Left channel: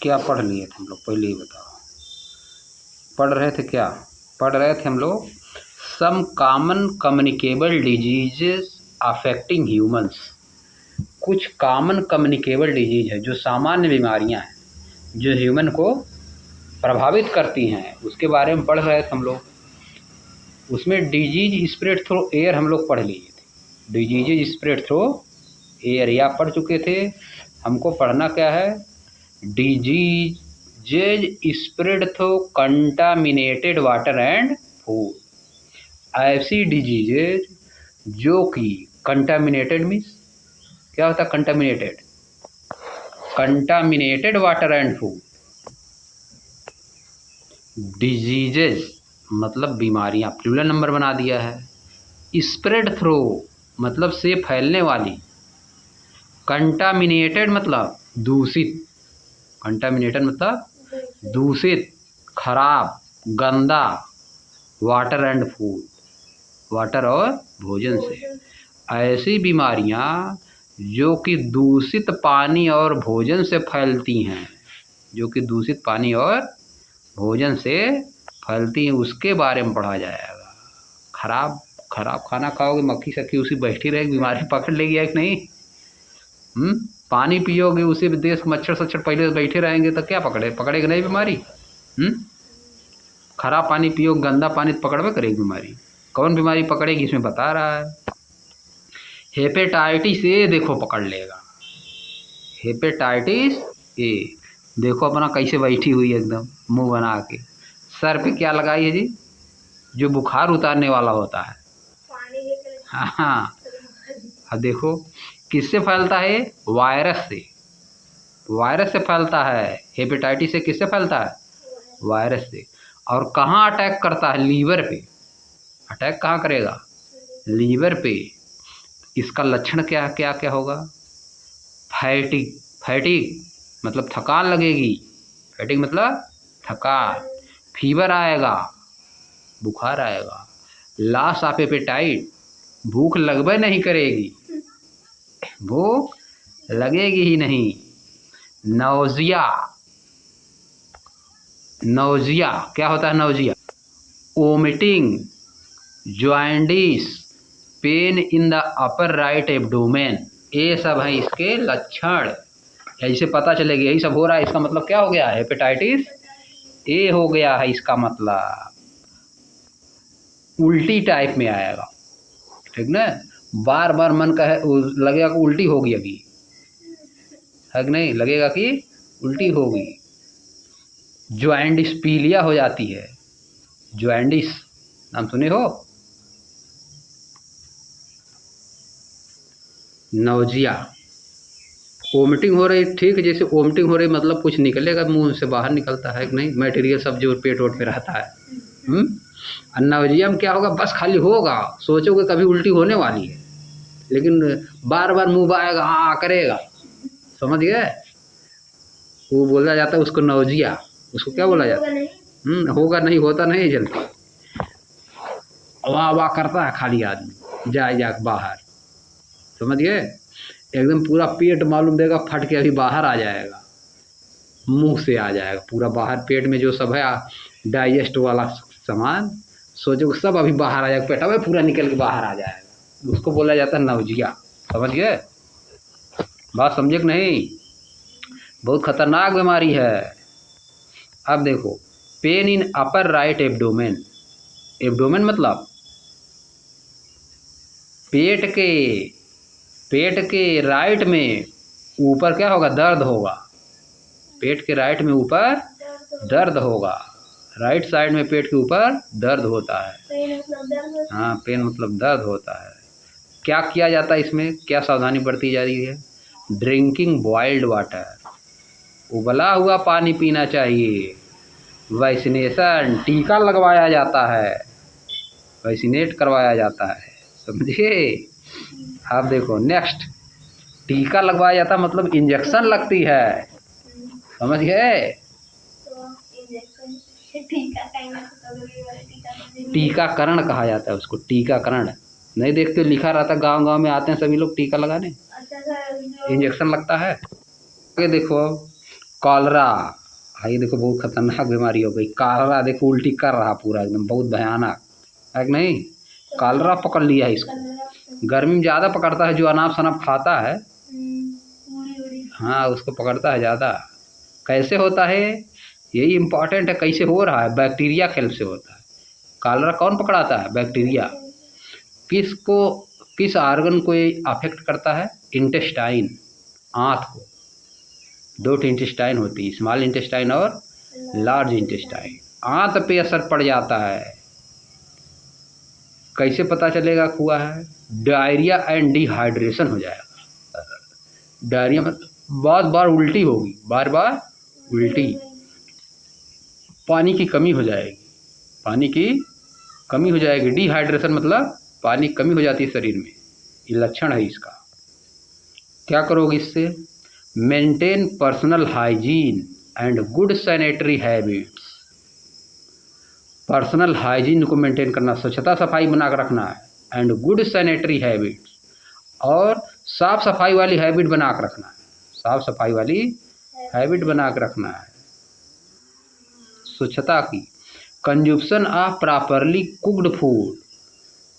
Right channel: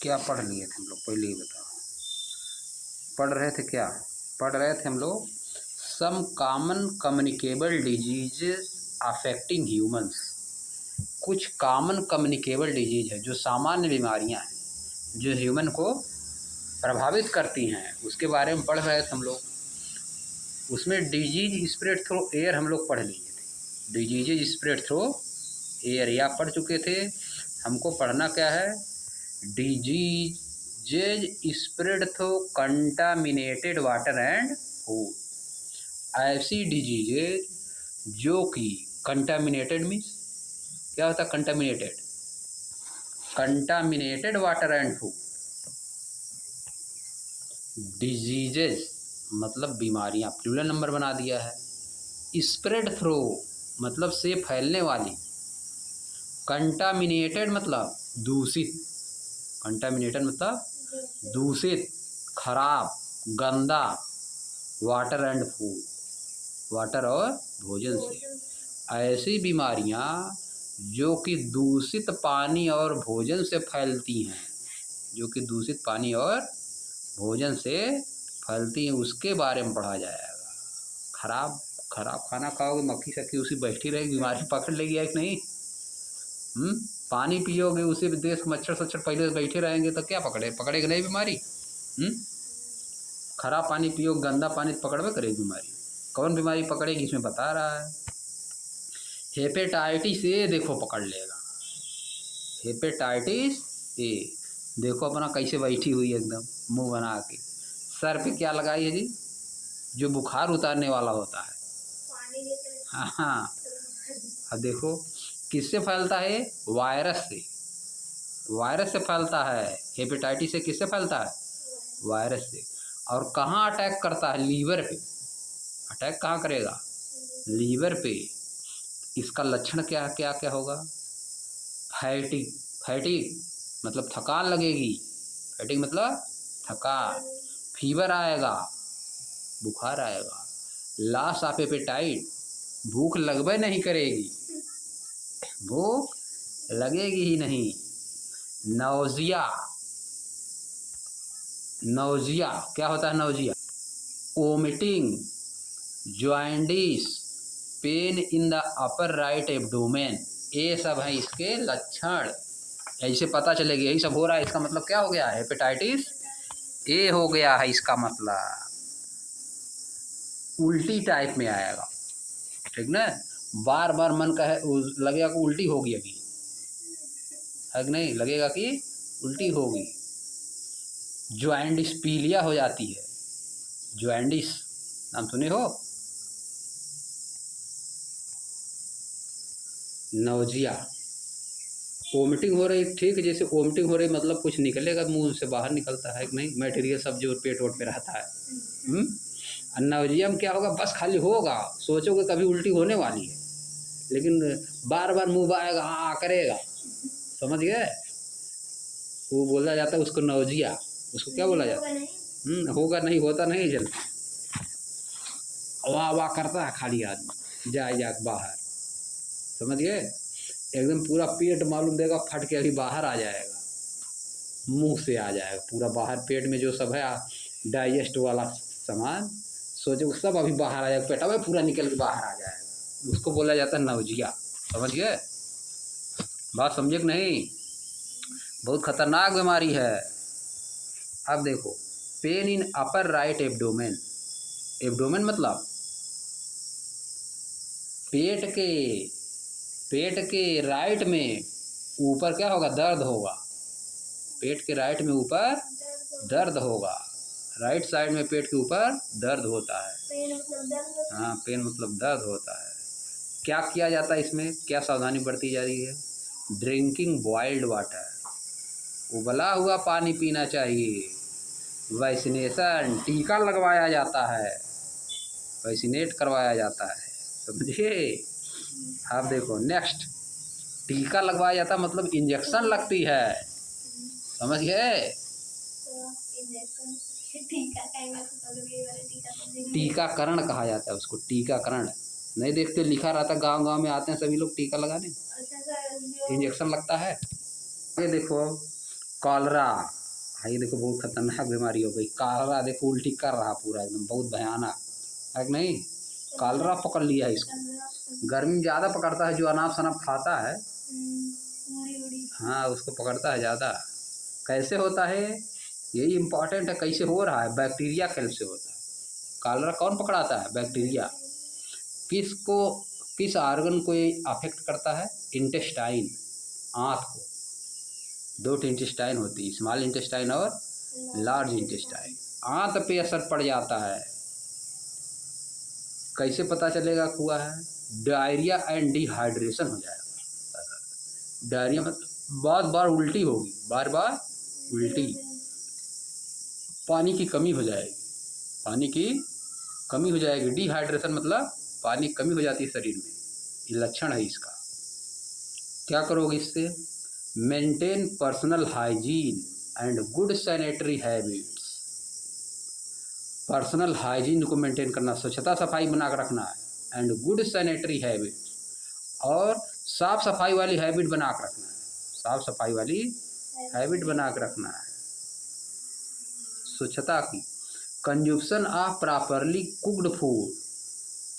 क्या पढ़ लिए थे हम लोग, पहले ही बताओ। पढ़ रहे थे क्या? पढ़ रहे थे हम लोग some common communicable diseases affecting humans. कुछ कॉमन कम्युनिकेबल डिजीज है, जो सामान्य बीमारियां हैं जो ह्यूमन को प्रभावित करती हैं, उसके बारे में पढ़ रहे थे हम लोग। उसमें डिजीज स्प्रेड थ्रू एयर हम लोग पढ़ लिए थे। डिजीज स्प्रेड थ्रू एयर या पढ़ चुके थे। हमको पढ़ना क्या है? Diseases spread through contaminated water and food. ऐसी डिजीजेज जो कि कंटामिनेटेड मीन्स क्या होता है? Contaminated, contaminated water and food. Diseases मतलब बीमारियां, प्लूरल नंबर बना दिया है। स्प्रेड थ्रू मतलब से फैलने वाली। कंटामिनेटेड मतलब दूषित, कंटामिनेटेड मतलब दूषित, खराब, गंदा। वाटर एंड फूड, वाटर और भोजन से। ऐसी बीमारियां जो कि दूषित पानी और भोजन से फैलती हैं, जो कि दूषित पानी और भोजन से फैलती हैं, उसके बारे में पढ़ा जाएगा। खराब खाना खाओगे, मक्खी सक्खी उसी बैठी रहेगी, बीमारी पकड़ लेगी है कि नहीं? पानी पियोगे, उसी देश मच्छर सच्छर पहले बैठे रहेंगे तो क्या पकड़ेगा नहीं बीमारी? खराब पानी पियो, गंदा पानी पकड़वे करेगी बीमारी। कौन बीमारी पकड़ेगी इसमें बता रहा है। हेपेटाइटिस ए देखो पकड़ लेगा। हेपेटाइटिस ए देखो अपना कैसे बैठी हुई है, एकदम मुंह बना के। सर पे क्या लगाई है जी? जो बुखार उतारने वाला होता है। हाँ, अब देखो किससे फैलता है? वायरस से। वायरस से फैलता है। हेपेटाइटिस से किससे फैलता है? वायरस से। और कहाँ अटैक करता है? लीवर पे। अटैक कहाँ करेगा? लीवर पे। इसका लक्षण क्या क्या क्या होगा? फैटिग, फैटिग मतलब थकान लगेगी। फैटिग मतलब थकान। फीवर आएगा, बुखार आएगा। लॉस ऑफ एपेटाइट, भूख लगभग नहीं करेगी, भूख लगेगी ही नहीं। नौजिया, नौजिया क्या होता है? Nausea, vomiting, jaundice, pain in the upper right abdomen, ये सब है इसके लक्षण। ऐसे पता चलेगा यही सब हो रहा है, इसका मतलब क्या हो गया? हेपेटाइटिस ए हो गया है। इसका मतलब उल्टी टाइप में आएगा, ठीक ना? बार बार मन कहे लगेगा कि उल्टी होगी अभी, है कि नहीं? लगेगा कि उल्टी होगी। जॉन्डिस, पीलिया हो जाती है। जॉन्डिस नाम सुने हो? नौजिया, वोमिटिंग हो रही, ठीक, जैसे वोमिटिंग हो रही मतलब कुछ निकलेगा मुंह से बाहर निकलता है कि नहीं? मटेरियल सब जो पेट वोट पे रहता है। नौजिया में क्या होगा? बस खाली होगा, सोचोगे कभी उल्टी होने वाली है, लेकिन बार बार मुंह आएगा, हाँ करेगा, समझ गए? वो बोला जाता है उसको नौजिया। उसको क्या बोला जाता है? होगा नहीं, होता नहीं जल्दी, वाह वाह करता है खाली आदमी, जा बाहर, समझ गए? एकदम पूरा पेट मालूम देगा फट के अभी बाहर आ जाएगा, मुंह से आ जाएगा पूरा बाहर। पेट में जो सब है डाइजेस्ट वाला सामान, सोचो सब अभी बाहर आ जाएगा, पेट में पूरा निकल के बाहर आ जाएगा, उसको बोला जाता है नौजिया। समझ गए? बात समझे कि नहीं? बहुत खतरनाक बीमारी है। अब देखो, pain in upper right abdomen. Abdomen मतलब पेट के राइट में ऊपर क्या होगा? दर्द होगा। पेट के राइट में ऊपर दर्द होगा। राइट साइड में पेट के ऊपर दर्द होता है। हाँ, पेन मतलब दर्द होता है। क्या किया जाता है इसमें? क्या सावधानी बरती जा रही है? ड्रिंकिंग बॉइल्ड वाटर, उबला हुआ पानी पीना चाहिए। वैक्सीनेशन, टीका लगवाया जाता है, वैक्सीनेट करवाया जाता है, समझे? आप देखो नेक्स्ट, टीका लगवाया जाता मतलब इंजेक्शन लगती है, समझ गए? टीकाकरण कहा जाता है उसको, टीकाकरण। नहीं देखते लिखा रहता, गांव गांव में आते हैं सभी लोग टीका लगाने, इंजेक्शन लगता है। ये देखो, कॉलरा। हाँ ये देखो बहुत खतरनाक बीमारी हो गई कॉलरा। देखो उल्टी कर रहा पूरा एकदम, बहुत भयानक है कि नहीं। कॉलरा पकड़ लिया है इसको। गर्मी में ज़्यादा पकड़ता है, जो अनाप शनाप खाता है हाँ उसको पकड़ता है ज़्यादा। कैसे होता है यही इम्पोर्टेंट है, कैसे हो रहा है। बैक्टीरिया खेल से होता है। कॉलरा कौन पकड़ाता है? बैक्टीरिया। किसको, किस आर्गन को ये अफेक्ट करता है? इंटेस्टाइन, आंत को। दो इंटेस्टाइन होती है, स्मॉल इंटेस्टाइन और लार्ज इंटेस्टाइन। आंत पे असर पड़ जाता है। कैसे पता चलेगा हुआ है? डायरिया एंड डिहाइड्रेशन हो जाएगा। डायरिया मतलब बार बार उल्टी होगी, बार बार उल्टी। पानी की कमी हो जाएगी, पानी की कमी हो जाएगी। डिहाइड्रेशन मतलब पानी की कमी हो जाती है शरीर में, ये लक्षण है इसका। क्या करोगे इससे? Maintain personal hygiene and good sanitary habits. Personal hygiene को मेंटेन करना, स्वच्छता सफाई बना कर रखना है। एंड गुड सैनिटरी हैबिट्स, और साफ सफाई वाली हैबिट बना कर रखना है। साफ सफाई वाली हैबिट बना कर रखना है, स्वच्छता की। Consumption of properly cooked food,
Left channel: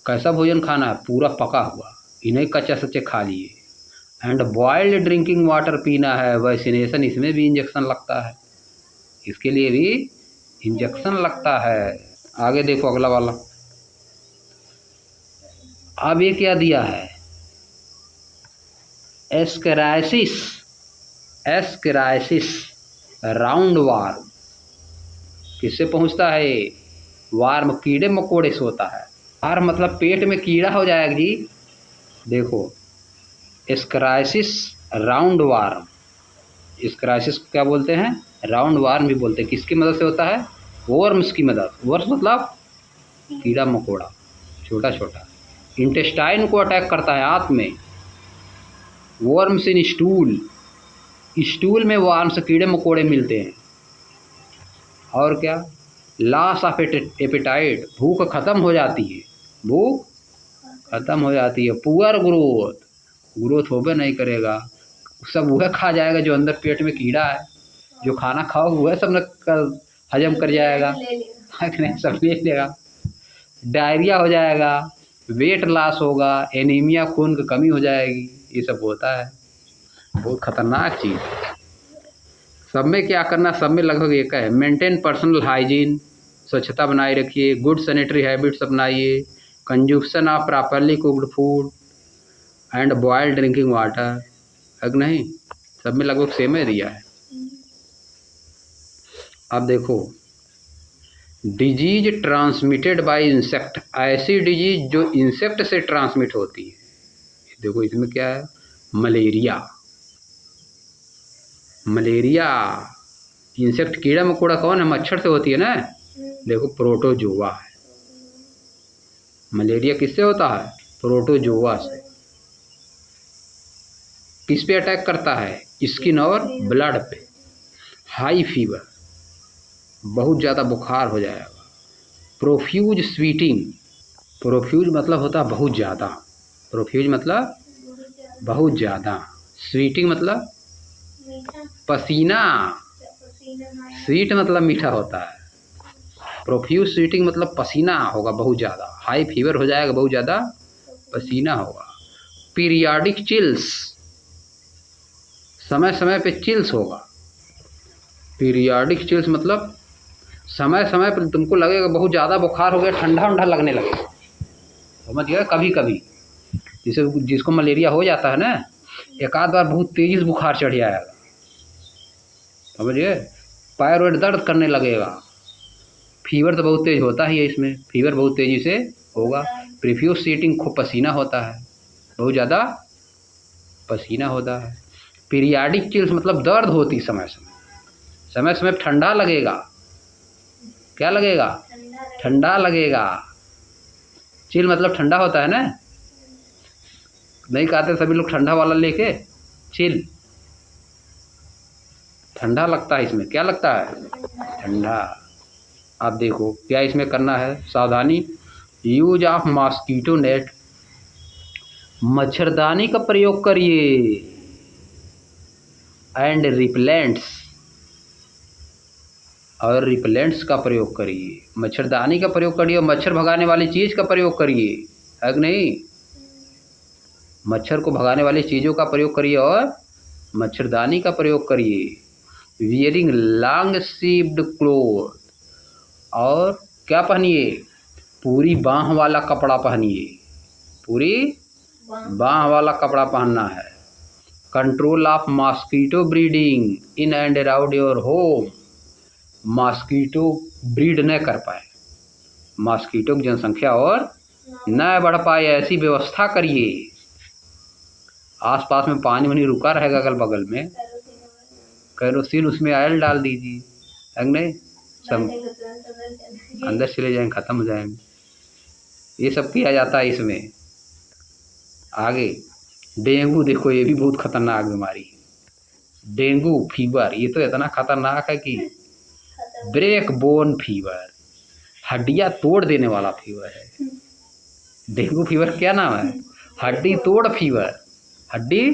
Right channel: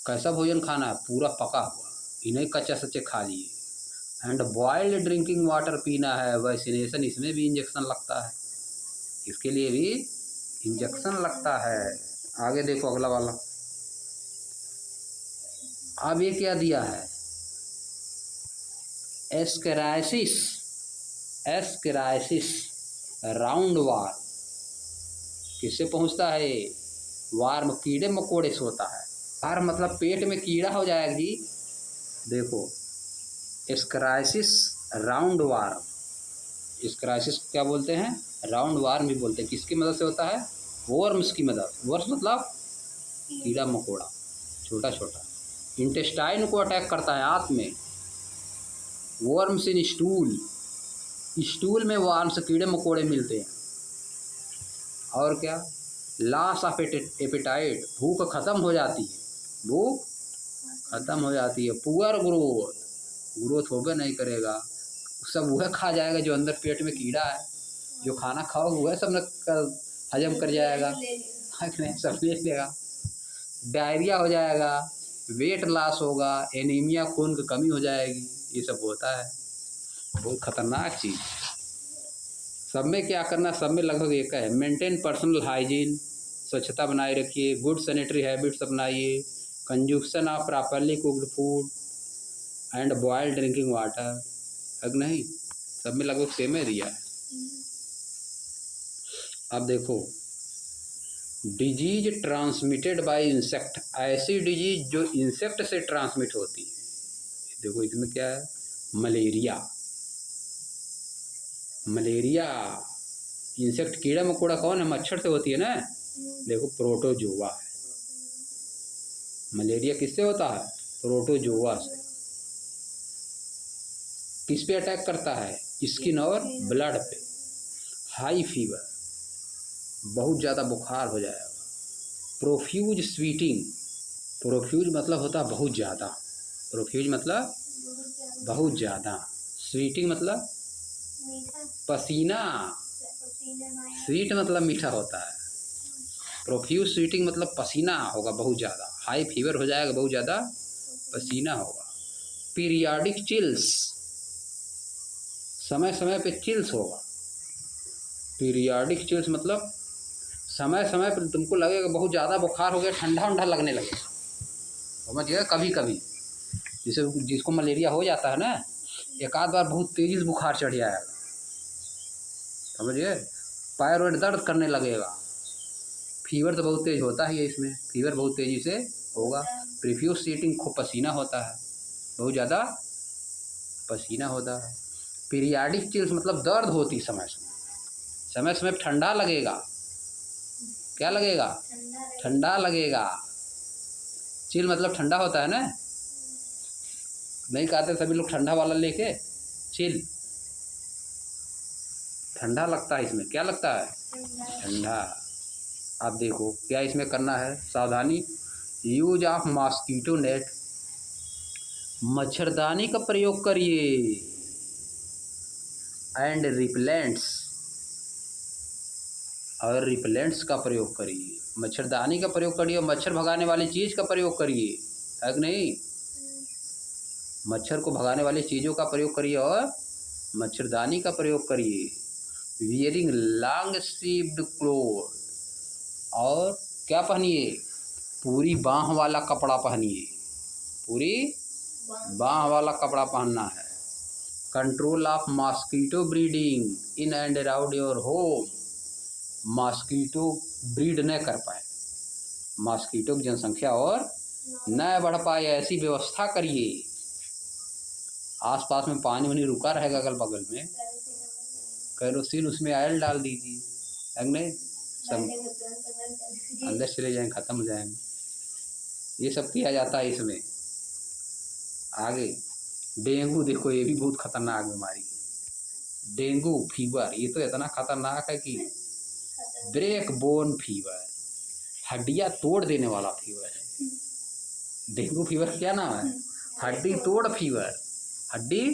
कैसा भोजन खाना है? पूरा पका हुआ, इन्हें कच्चा सच्चे खा लिए। एंड बॉइल्ड ड्रिंकिंग वाटर पीना है। वैक्सीनेशन, इसमें भी इंजेक्शन लगता है, इसके लिए भी इंजेक्शन लगता है। आगे देखो अगला वाला। अब ये क्या दिया है? एस्केराइसिस, एस्केराइसिस राउंड वार्म। किससे पहुंचता है? वार्म, कीड़े मकोड़े से होता है। वार्म मतलब पेट में कीड़ा हो जाएगा जी। देखो एस्केराइसिस राउंड वार्म, एस्केराइसिस क्या बोलते हैं? राउंड वार्म भी बोलते हैं। किसकी मदद से होता है? वर्म्स की मदद। वर्म्स मतलब कीड़ा मकोड़ा, छोटा छोटा। इंटेस्टाइन को अटैक करता है आंत में। वर्म्स इन स्टूल, स्टूल में वर्म्स कीड़े मकोड़े मिलते हैं। और क्या? लॉस ऑफ एपेटाइट, भूख खत्म हो जाती है, भूख खत्म हो जाती है। पुअर ग्रोथ, ग्रोथ होबे नहीं करेगा, सब वह खा जाएगा जो अंदर पेट में कीड़ा है। जो खाना खाओ वह सब न हजम कर जाएगा, सब ले लेगा। डायरिया हो जाएगा, वेट लॉस होगा, एनीमिया, खून की कमी हो जाएगी, ये सब होता है। बहुत खतरनाक चीज़। सब में क्या करना? सब में लगभग एक है। मेंटेन पर्सनल हाइजीन, स्वच्छता बनाए रखिए। गुड सैनिटरी हैबिट्स अपनाइए। Consumption of properly cooked food and boiled drinking water. है नहीं? सब में लगभग सेम ही दिया है। अब देखो डिजीज ट्रांसमिटेड बाय इंसेक्ट, ऐसी डिजीज जो इंसेक्ट से ट्रांसमिट होती है। देखो इसमें क्या है? मलेरिया, मलेरिया इंसेक्ट कीड़ा मकोड़ा कौन है? मच्छर से होती है ना। देखो प्रोटोजोआ है। मलेरिया किससे होता है? प्रोटोजोआ से। किस पे अटैक करता है? स्किन और ब्लड पे। हाई फीवर, बहुत ज़्यादा बुखार हो जाएगा। प्रोफ्यूज स्वीटिंग, प्रोफ्यूज मतलब होता है बहुत ज़्यादा। प्रोफ्यूज मतलब बहुत ज़्यादा। स्वीटिंग मतलब पसीना। स्वीट मतलब मीठा होता है। प्रोफ्यूज स्वीटिंग मतलब पसीना होगा बहुत ज़्यादा। हाई फीवर हो जाएगा, बहुत ज़्यादा पसीना होगा। पीरियाडिक चिल्स, समय समय पे चिल्स होगा। पीरियाडिक चिल्स मतलब समय समय पर तुमको लगेगा बहुत ज़्यादा बुखार हो गया, ठंडा ठंडा लगने लगेगा, समझ गया? कभी कभी जैसे जिसको मलेरिया हो जाता है ना, एक आध बार बहुत तेजी से बुखार चढ़ जाएगा, समझिए? पैर वैर दर्द करने लगेगा। फीवर तो बहुत तेज होता ही है इसमें, फीवर बहुत तेज़ी से होगा। प्रोफ्यूज स्वेटिंग, खूब पसीना होता है, बहुत ज़्यादा पसीना होता है। पीरियाडिक चिल्स मतलब दर्द होती समय समय, समय समय ठंडा लगेगा। क्या लगेगा? ठंडा लगेगा। चिल मतलब ठंडा होता है ना, नहीं कहते सभी लोग ठंडा वाला लेके? चिल, ठंडा लगता है इसमें। क्या लगता है? ठंडा। आप देखो क्या इसमें करना है, सावधानी। यूज ऑफ मॉस्कीटो नेट, मच्छरदानी का प्रयोग करिए। एंड रिपेलेंट्स, और रिपेलेंट्स का प्रयोग करिए, मच्छरदानी का प्रयोग करिए और मच्छर भगाने वाली चीज़ का प्रयोग करिए, है कि नहीं? मच्छर को भगाने वाली चीज़ों का प्रयोग करिए और मच्छरदानी का प्रयोग करिए। वियरिंग लॉन्ग स्लीव्ड क्लोथ, और क्या पहनिए? पूरी बाँह वाला कपड़ा पहनिए, पूरी बाँह वाला कपड़ा पहनना है। Control of mosquito breeding in and around your home, mosquito breed न कर पाए, मॉस्किटो की जनसंख्या और न बढ़ पाए, ऐसी व्यवस्था करिए। आसपास में पानी वानी रुका रहेगा अगल बगल में, केरोसिन उसमें ऑयल डाल दीजिए, है नहीं? सब अंदर चले जाएंगे, ख़त्म हो जाएंगे। ये सब किया जाता है इसमें। आगे डेंगू देखो, ये भी बहुत खतरनाक बीमारी है। डेंगू फीवर ये तो इतना खतरनाक है कि ब्रेक बोन फीवर, हड्डियाँ तोड़ देने वाला फीवर है। डेंगू फीवर क्या नाम है? हड्डी तोड़ फीवर, हड्डी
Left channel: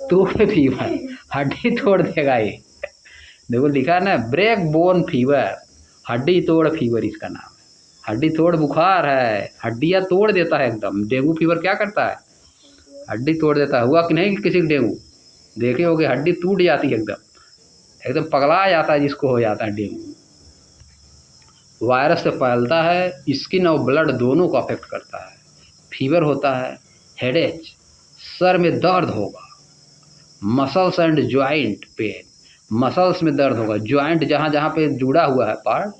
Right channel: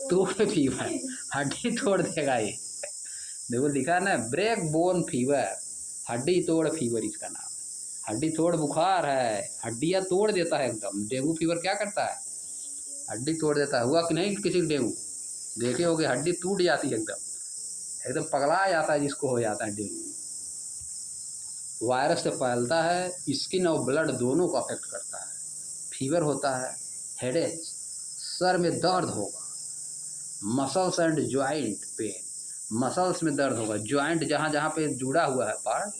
तोड़ फीवर, हड्डी तोड़ देगा ये। देखो लिखा है ना, ब्रेक बोन फीवर, हड्डी तोड़ फीवर इसका नाम है। हड्डी तोड़ बुखार है, हड्डियाँ तोड़ देता है एकदम। डेंगू फीवर क्या करता है? हड्डी तोड़ देता है। हुआ कि नहीं किसी को डेंगू? देखे होगे, हड्डी टूट जाती है एकदम, एकदम पगला जाता है जिसको हो जाता है डेंगू। वायरस से फैलता है, स्किन और ब्लड दोनों को अफेक्ट करता है। फीवर होता है, हेडेक, सर में दर्द होगा, muscles and joint pain, muscles में दर्द होगा, जॉइंट जहाँ जहाँ पे जुड़ा हुआ है पार्ट,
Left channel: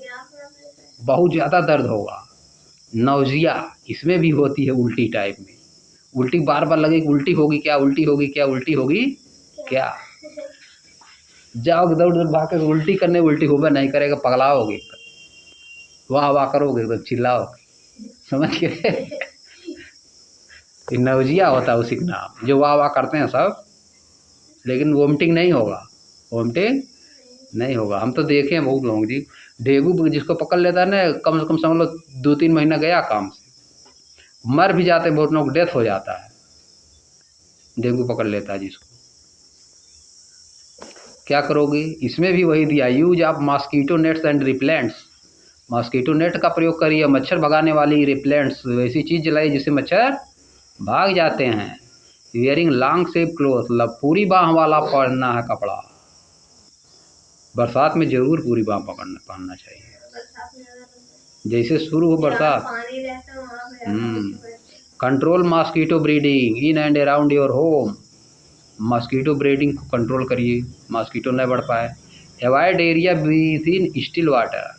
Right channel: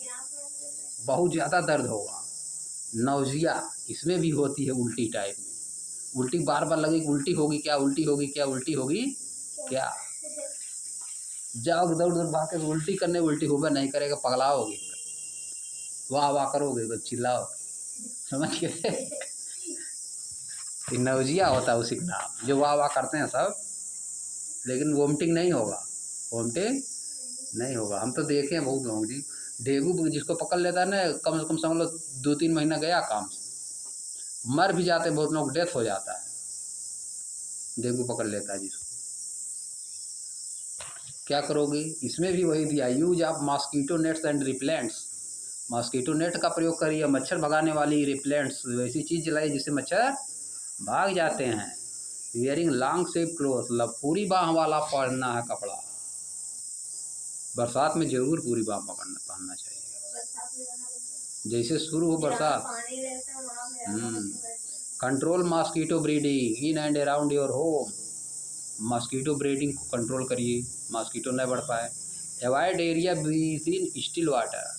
बहुत ज़्यादा दर्द होगा। नौजिया इसमें भी होती है, उल्टी टाइप में, उल्टी बार बार लगेगी, उल्टी होगी क्या, उल्टी होगी क्या, उल्टी होगी क्या। जाओगे दौड़ दौड़ भाग के उल्टी करने, उल्टी होगा नहीं करेगा, पगलाओगे, वाह वाह करोगे, एकदम चिल्लाओगे, समझ गए? नौजिया होता है उसी का नाम, जो वाह वाह करते हैं सब, लेकिन वोमिटिंग नहीं होगा, वोमिटिंग नहीं होगा। हम तो देखे हैं बहुत लोग जी, डेंगू जिसको पकड़ लेता है ना, कम से कम समझ लो 2-3 महीना गया काम से, मर भी जाते, बहुत लोग डेथ हो जाता है, डेंगू पकड़ लेता है जिसको। क्या करोगे? इसमें भी वही दिया, use of mosquito nets and repellents, mosquito net का प्रयोग करिए, मच्छर भगाने वाली रिपेलेंट्स, वैसी चीज़ जलाइए जिससे मच्छर भाग जाते हैं। वियरिंग लॉन्ग स्लीव क्लोथ, पूरी बाँह वाला पहनना है कपड़ा, बरसात में जरूर पूरी बाँह पहनना चाहिए। जैसे शुरू हो बरसात। Control mosquito breeding in and around your home, mosquito breeding को कंट्रोल करिए, मॉस्किटो न बढ़ पाए। Avoid area with in still water,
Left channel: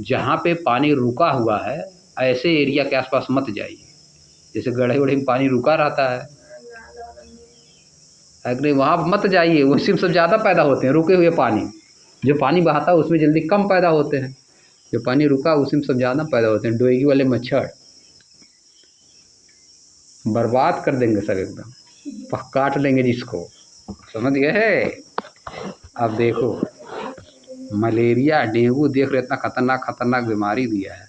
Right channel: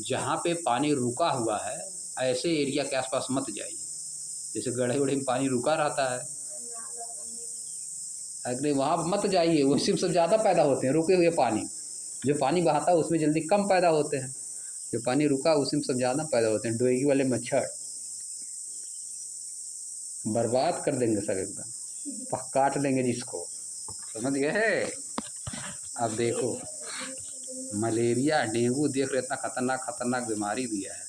जहाँ पे पानी रुका हुआ है ऐसे एरिया के आसपास मत जाइए, जैसे गड्ढे वड्ढे में पानी रुका रहता है, अगर वहाँ मत जाइए, उसी में सब ज़्यादा पैदा होते हैं। रुके हुए पानी, जो पानी बहाता है उसमें जल्दी कम पैदा होते हैं, जो पानी रुका उसी में सब ज़्यादा पैदा होते हैं। डोएगी वाले मच्छर बर्बाद कर देंगे सब, एकदम काट लेंगे जिसको, समझ गए? अब देखो मलेरिया, डेंगू देख रहे, इतना खतरनाक बीमारी दिया है।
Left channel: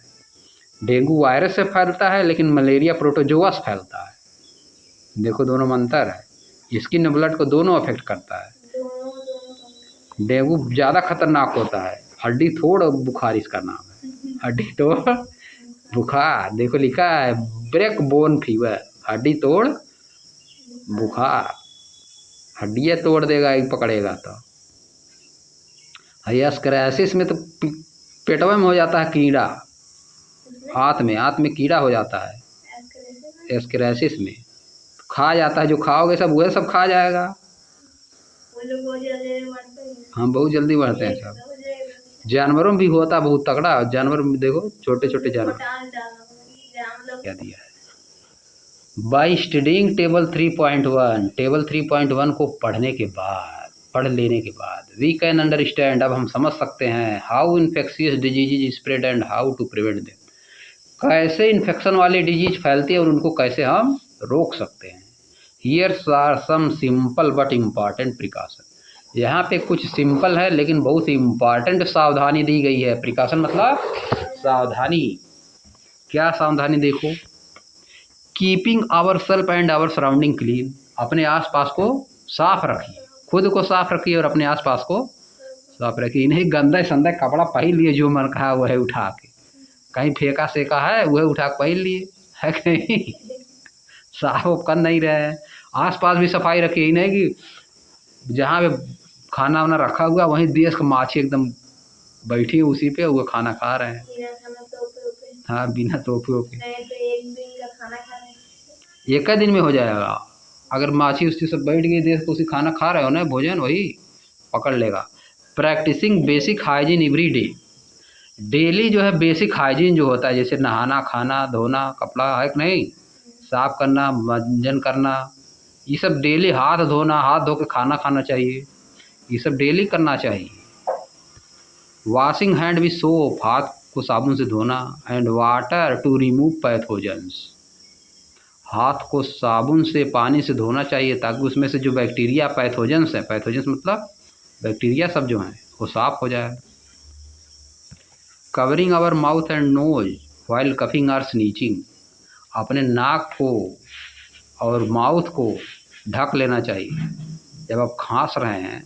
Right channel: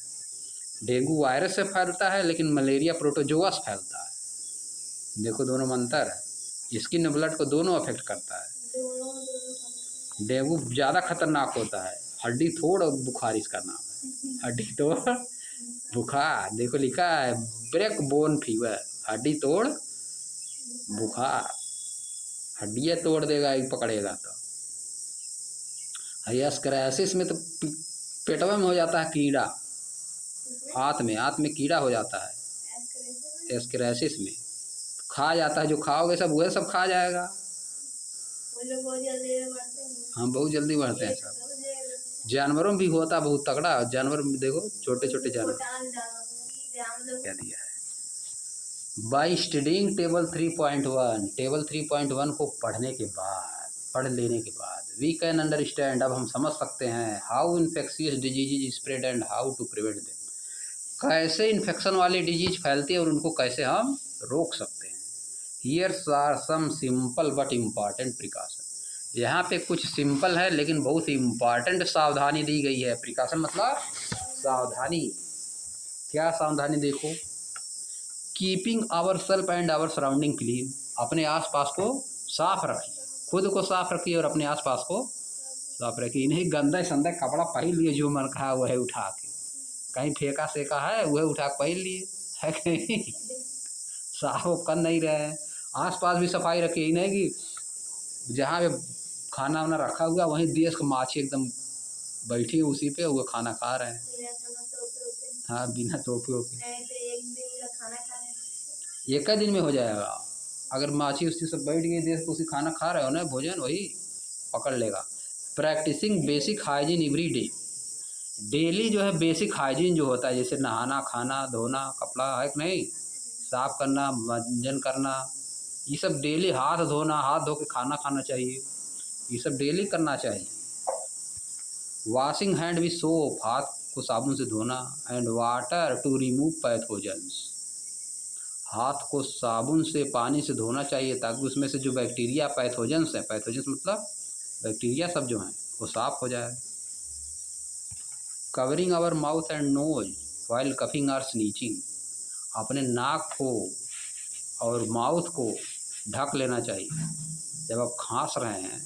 डेंगू वायरस से फैलता है, लेकिन मलेरिया प्रोटोजोआ से फैलता है। देखो दोनों में अंतर है, स्किन ब्लड को दोनों अफेक्ट करता है। डेंगू ज़्यादा खतरनाक होता है, हड्डी तोड़ बुखार इसका नाम है, हड्डी तोड़ बुखार। देखो लिखा है ब्रेक बोन फीवर, हड्डी तोड़ बुखार, हड्डियाँ तोड़ देगा एक पकड़ेगा तो। एस्केरेसिस में तो पेटवा में हो जाता है कीड़ा, हाथ में कीड़ा हो जाता है एस्केरेसिस में, खा जाता है, जो खाओगे सब वह सब खा जाएगा। हाँ बहुत जल्दी बढ़ते हैं सब। जानवरों में भी होता बहुत तगड़ा, जानवर में देखो छोटे छोटे जानवर क्या दिया है। बाई स्टडिंग टेबल 3.1, टेबल 3.1 को पढ़ लेने के बाद वी कैन अंडरस्टैंड, अब हम समझ सकते हैं, how infectious disease spread and how to prevent them, कैसे इन्फेक्शन वाली डिजीज फैलती है और उनको कैसे हम रोक सकते हैं। Here's are some simple but important precaution, यहाँ पे कुछ सिंपल है लेकिन बहुत इम्पॉर्टेंट सावधानी दी गई है। प्रिकॉशन मतलब सावधानी। क्या सावधानी? देखो, keeping our self and our surrounding clean, अपने आसपास को साफ रखिए, खुद को साफ रखिए और अपने आसपास को साफ रखिए। इन्हें गंदा संदा कपड़ा पहन लिए, जो मन कहा वह उठा के, कहीं फेंका सेका है वह उठा के पहन लिए, है कि नहीं। साफ वाफ कर नहीं रहे हैं। आस पास भी सफाई रखिए, नहीं कि जहाँ पे खाना वाना रखा हुआ वहीं देश का माछी एकदम बैठी है उसी पे, वो खाना खा रहे हैं। हाँ, बिना टोपे ओपे। एक ही दिन में हो जाएगा। अगर माछी उससे सब बैठ गई देश को, उसी खाना खा रहे हो ना, भोजन वही पकड़ लेगा। Practising basic hygiene every day. Daily जो है बेसिक हाइजीन जो होता है, जैसे नहाना, खाना, धोना, कपड़ा, है कि नहीं, साफ करना, मंजन करना, ये सब डेली, हाथ धोना, हाथ धो के खाना खाना चाहिए, ये सब डेली करना चाहिए। वॉशिंग हैंड विथ सोप, हाथ को साबुन से धोना, and water to remove pathogens, हाथ को साबुन से, पानी से धोना चाहिए ताकि उसमें से जो बैक्टीरिया, पैथोजेंस है, पैथोजेंस मतलब बैक्टीरिया सब जो हैं वो साफ हो जाए। Covering our mouth and nose while coughing or sneezing, अपने नाक को और माउथ को ढक लेना चाहिए। जब आप खांस रहे हैं,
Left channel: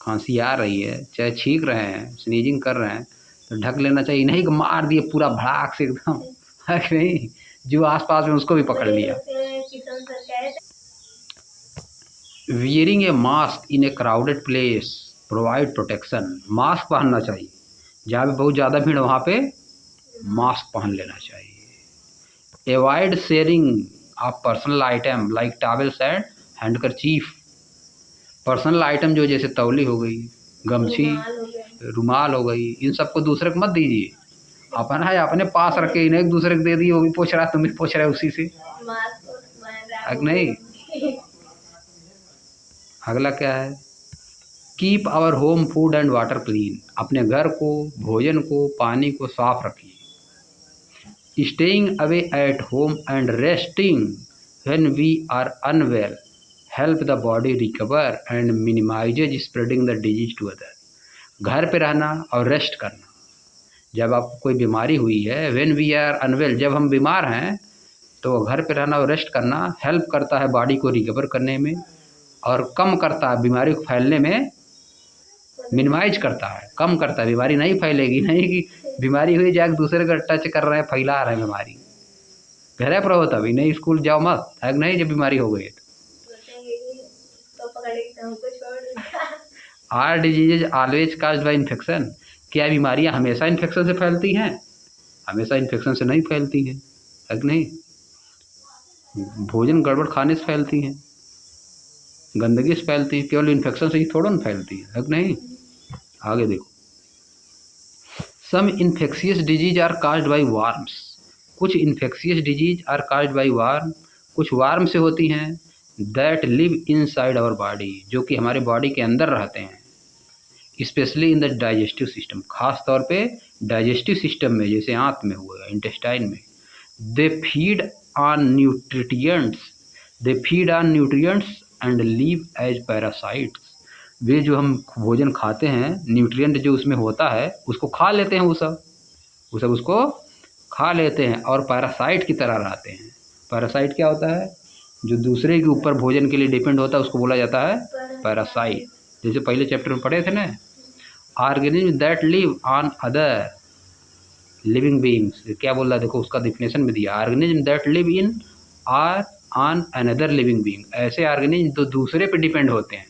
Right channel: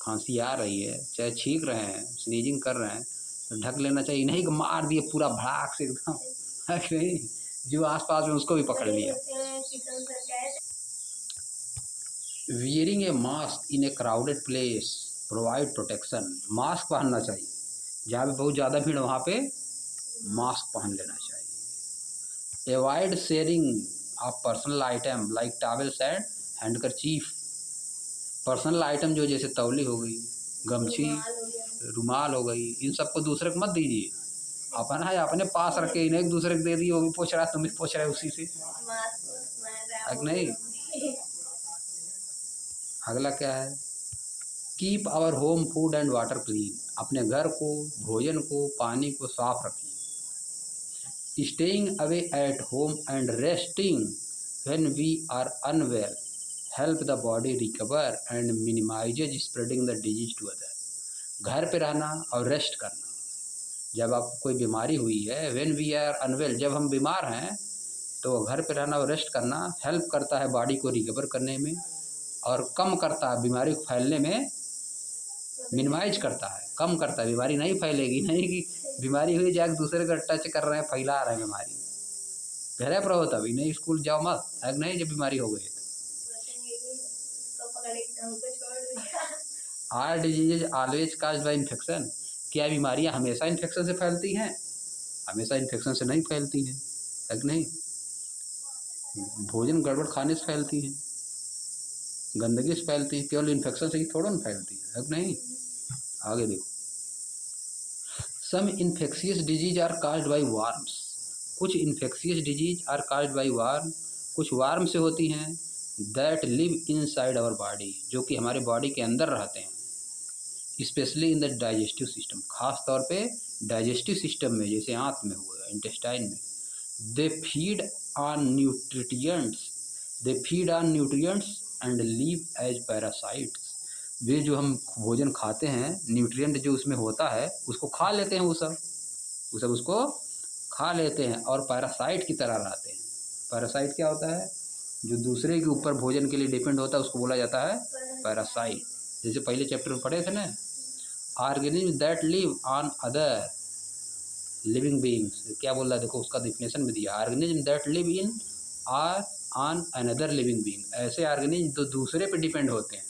खांसी आ रही है, चाहे छींक रहे हैं, स्नीजिंग कर रहे हैं, तो ढक लेना चाहिए, नहीं कि मार दिए पूरा भड़ाक से एकदम, है कि नहीं, जो आसपास में उसको भी पकड़ लिया। वियरिंग ए मास्क इन ए crowded place provide protection, mask पहनना चाहिए, जहाँ भी बहुत ज़्यादा भीड़ वहाँ पे मास्क पहन लेना चाहिए। Avoid sharing of personal item like towels and handkerchief, personal item जो जैसे तौली हो गई, गमछी, रुमाल हो गई, इन सबको दूसरे को मत दीजिए, अपना है अपने पास रखे, इन्हें एक दूसरे को दे दिए, वो भी पूछ रहा है, तुम भी पूछ रहे उसी से, नहीं। अगला क्या है, keep our home food and water clean, अपने घर को, भोजन को, पानी को साफ रखिए। Staying away at home and resting when we are unwell help the body recover and minimises spreading the disease to other, घर पे रहना और रेस्ट करना, जब आपको कोई बीमारी हुई है, व्हेन वी आर अनवेल, जब हम बीमार हैं, तो घर पे रहना और रेस्ट करना हेल्प करता है बॉडी को रिकवर करने में, और कम करता है बीमारी को फैलने में, मिनिमाइज करता है, कम करता है, बीमारी नहीं फैलेगी, नहीं कि बीमारी हुई जाके दूसरे का टच कर रहे हैं, फैला रहे हैं बीमारी, घर पर हो तभी, नहीं स्कूल जाओ मत, है नहीं, जब बीमारी हो गई तो। Are diseases always caused by infection, क्या बीमारियां हमेशा इन्फेक्शन से फैलती हैं? हमेशा इन्फेक्शन से नहीं फैलती हैं, है कि नहीं, भोजन गड़बड़ खाने से फैलती हैं, गंदगी से फैलती है, केवल इन्फेक्शन से ही थोड़ा ना फैलती है कि नहीं। आगे देखो, some infectious disease are caused by worms, कुछ infectious disease are caused by worm, कुछ वार्म से होती हैं, that live inside our body, जो कि हमारे बॉडी के अंदर रहते हैं, specially in the digestive system, खास तौर पे डाइजेस्टिव सिस्टम में, जैसे आंत में हुआ, इंटेस्टाइन में। They feed on nutrients, they feed on nutrients and leave as parasites, वे जो हम भोजन खाते हैं, न्यूट्रिएंट जो उसमें होता है उसको खा लेते हैं, वो सब उसको खा लेते हैं और पैरासाइट की तरह रहते हैं। पैरासाइट क्या होता है? जो दूसरे के ऊपर भोजन के लिए डिपेंड होता है उसको बोला जाता है पैरासाइट, जैसे पहले चैप्टर में पढ़े थे ना। Organism that live on other living beings, क्या बोल रहा है देखो, उसका डिफिनेशन में दिया, organism that live in are on another living being, ऐसे ऑर्गेनिज्म जो दूसरे पे डिपेंड होते हैं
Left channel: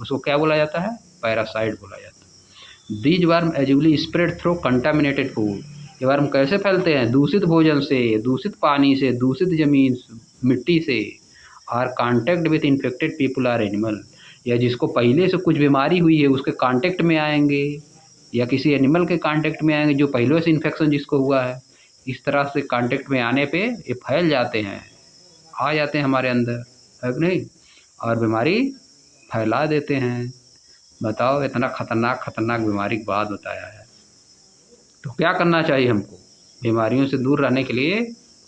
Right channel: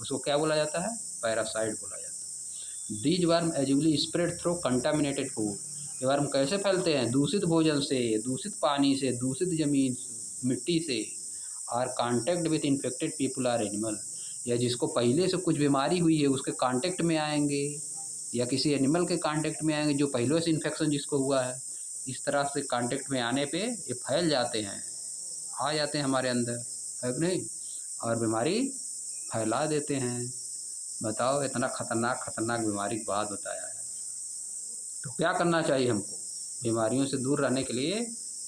उसको क्या बोला जाता है? पैरासाइट बोला जाता है। दीज वर्म एजुअली स्प्रेड थ्रू कंटामिनेटेड फूड, ये वर्म कैसे फैलते हैं? दूषित भोजन से, दूषित पानी से, दूषित ज़मीन मिट्टी से, or contact with infected people or animal, या जिसको पहले से कुछ बीमारी हुई है उसके कांटेक्ट में आएंगे, या किसी एनिमल के कांटेक्ट में आएंगे जो पहले से इन्फेक्शन जिसको हुआ है, इस तरह से कांटेक्ट में आने पे ये फैल जाते हैं, आ जाते हैं हमारे अंदर, है कि नहीं, और बीमारी फैला देते हैं। बताओ, इतना खतरनाक बीमारी की बात बताया है, तो क्या करना चाहिए हमको? बीमारियों से दूर रहने के लिए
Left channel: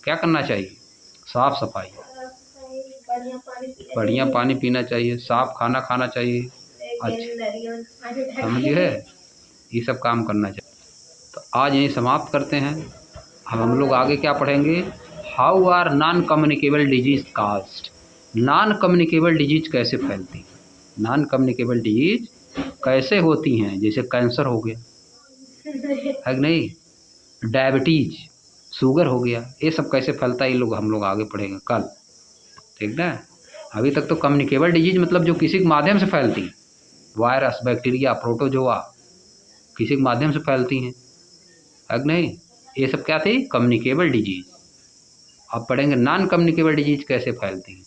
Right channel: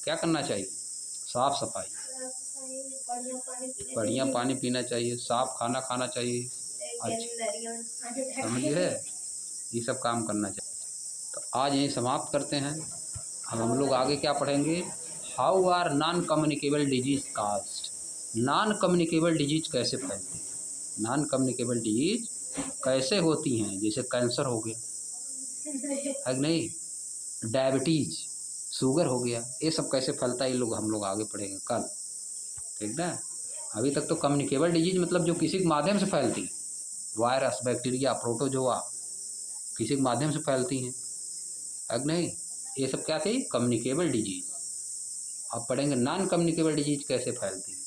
क्या करना चाहिए? साफ सफाई, बढ़िया पानी पीना चाहिए, साफ खाना खाना चाहिए, अच्छा समझिए, ये सब काम करना चाहिए। तो आज यहीं समाप्त करते हैं। अब हम लोग आगे क्या पढ़ेंगे? How are non communicable disease caused, non communicable disease कैसे फैलती, नॉन कम्युनिकेबल डिजीज कैसे होती हैं, जैसे कैंसर हो गया है कि नहीं, डायबिटीज, शुगर हो गया, ये सब कैसे फैलता है ये लोग हम लोग आगे पढ़ेंगे कल, ठीक ना। अभी तक तो कम्युनिकेबल डिजीज मतलब जो किसी के माध्यम से फैलती है, वायरस, बैक्टीरिया, प्रोटोजोआ, किसी के माध्यम से फैलती हैं, है कि नहीं। ये सब क्या थी, कम्युनिकेबल डिजीज। अब पढ़ेंगे नॉन कम्युनिकेबल डिजीज कैसे फैलती हैं।